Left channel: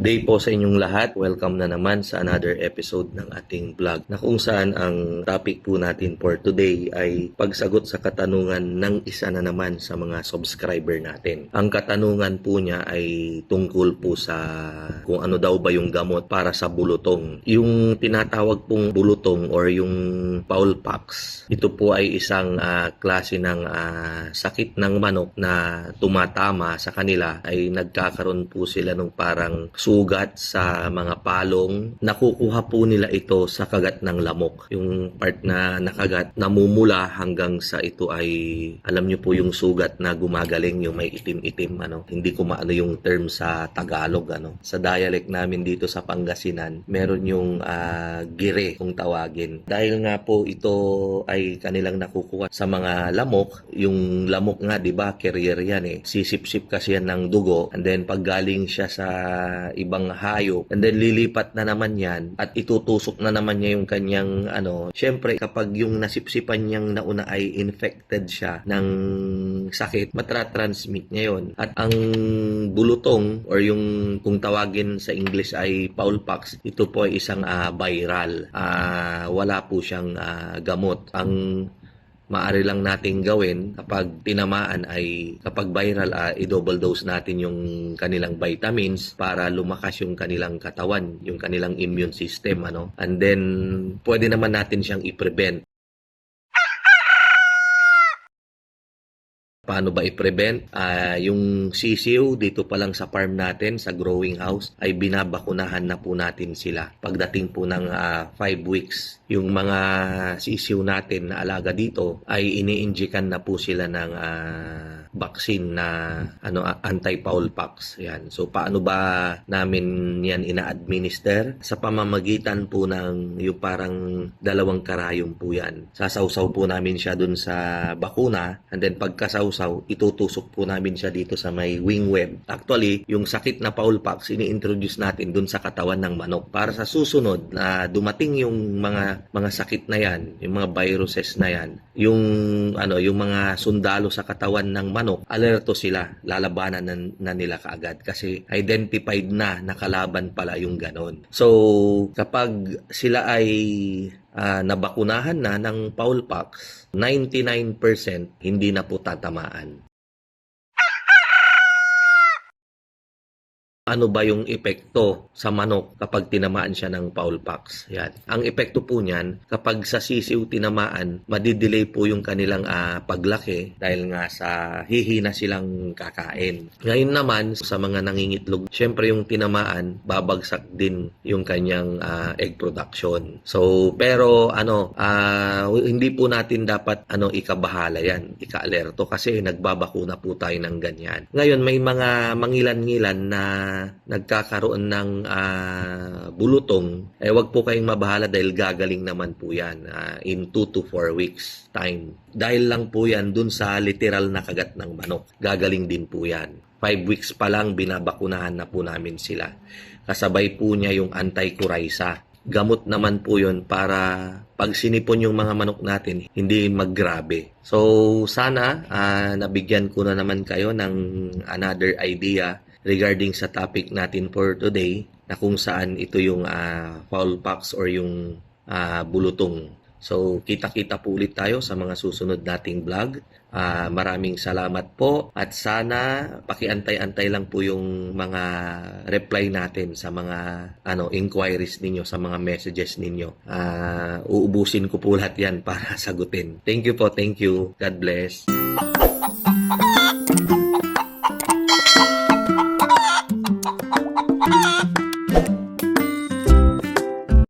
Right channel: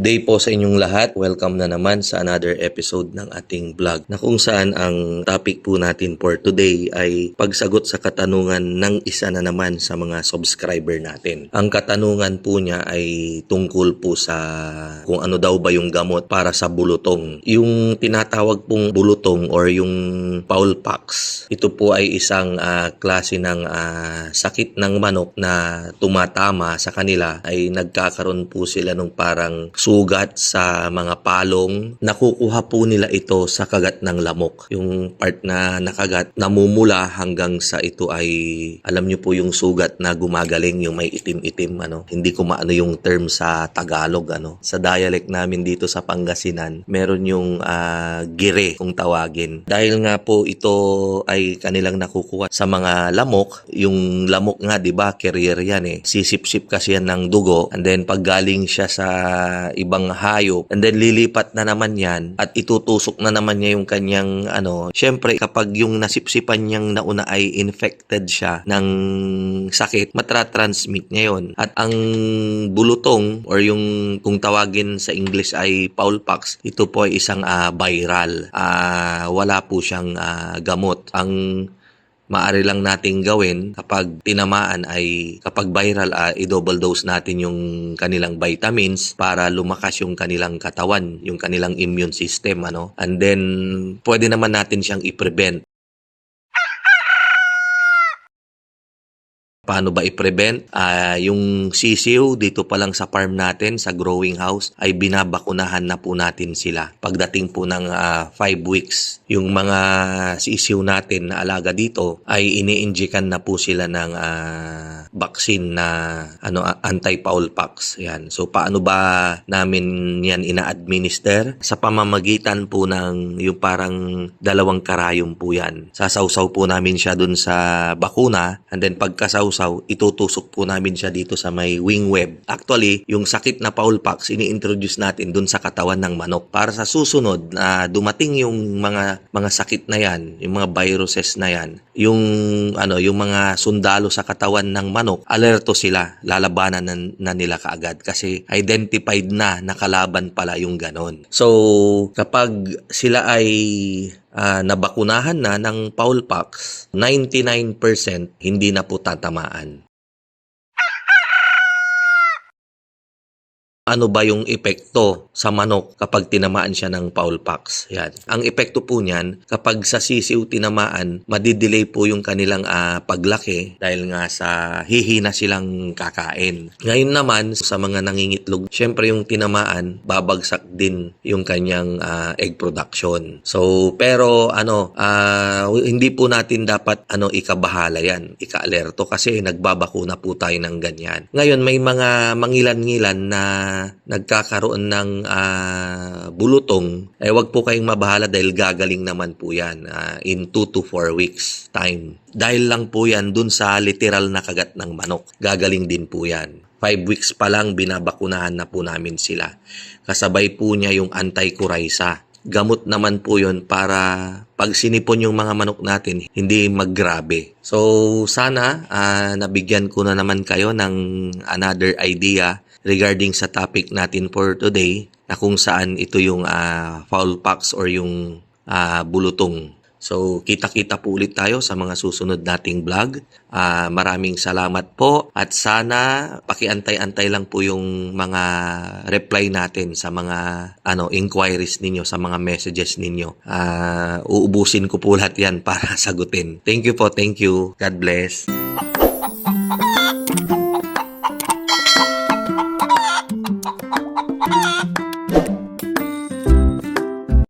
Good day po sa inyong lahat. Welcome na naman sa another episode ng ating vlog na kung saan ang topic po natin for today ay pagsagot sa katanungan ng isa na naman sa mga subscriber natin. Ang katanungan po niya ay tungkol po sa kung ano daw ba yung gamot para sa bulutong. Yung tinatawag pong bulutong or yung fowl pox, ito po ay isang klase ng sakit ng manok na tumatama sa kanila, ay nagkakaroon po sila nung parang sugat sa mga palong. Nakukuha po nila ito sa kagat ng lamok. Yung part na nakagat, namumula hanggang sa ito ay, alam nyo po yung sugat na gumagaling, yung may itim-itim, Hindi ko maano yung term sa Tagalog, Sa dialect namin dito sa Pangasinan, meron yung gire kung tawagin. Dahil nga po ito ay kanilang nakukuha sa mga lamok. Yung lamok nga, di ba, carrier yan eh. Sisip-sip kasi yan ng dugo, and then pag galing siya sa ibang hayop, and then lilipat na naman yan at itutusok na naman niya yung kanyang syempre kapag yung nasipsipan niyang nauna ay infected siya ng sakit, matratransmit niya yun. At ang bulutong or yung kung tawagin sa English ay fowl pox, ito po ay isang viral. Wala po siyang gamot. Ang maaari lang nating gawin kapag tinamaan ay kapag viral, i-double dose natin yung kanilang vitamins para lumakas yung kanilang katawan, yung kanilang immune system, And then pwede naman natin siyang i-prevent. Paano ba i-prevent? Yung sisiw dito pa lang sa farm natin, sa growing house, ay binabakunahan na po natin sila. Pagdating po ng 5 weeks, yung mga sisiw natin na alaga dito ay ini-injikan na po sila ng vaccine na anti-fowl pox. Yan. So paano ba namin yan ina-administer? Sa pamamagitan po ng yung parang 2 karayom po yan. Sasawsaw po namin siya dun sa bakuna, and then pagkasawsaw, itutusok po namin siya dito sa may wing web. Actually, yung sakit na fowl pox, ini-introduce natin dun sa katawan ng manok para sa susunod na dumating yung mga sakit na yan, yung mga viruses na yan, yung mga sundalo sa katawan ng manok, alerto sila, lalabanan na nila kaagad kasi identified na nakalaban pala yung ganon. So, kapag sila ay nabakunahan na ng fowl pox, 99% hindi na po tatamaan. Ano ba yung epekto sa manok kapag tinamaan siya ng fowl pox? Yan. Ang epekto po niyan, kapag sa sisiw tinamaan, madidelay po yung kanilang paglaki dahil nga sa hihina silang kakain. Ngayon naman, sa mga nangingitlog, syempre yung tinamaan, babagsak din yung kanyang egg production. So, pero hindi po natin dapat ikabahala yan, ika-alerto kasi nagbabakuna po tayo ng ganyan. Ngayon, may mga mangilan-ngilan na nagkakaroon ng bulutong, wag po kayong mabahala dahil gagaling naman po yan in 2 to 4 weeks time. Dahil lang po yan dun sa literal na kagat ng manok. Gagaling din po yan. 5 weeks pa lang binabakunahan na po namin sila. Kasabay po niya yung anti-coryza. Gamot naman po yun para pag sinipon yung mga manok natin, hindi maggrabe. So sana nabigyan ko na naman kayo ng another idea regarding sa topic natin for today, na kung saan ito yung fowl pox or yung bulutong. So, kita-kita po ulit tayo sa mga susunod nating vlog. Maraming salamat po at sana pakiantay-antay lang po yung mga reply natin sa mga inquiries ninyo, sa mga messages ninyo. Uubusin ko po lahat yan para sagutin. Thank you po, thank you. God bless.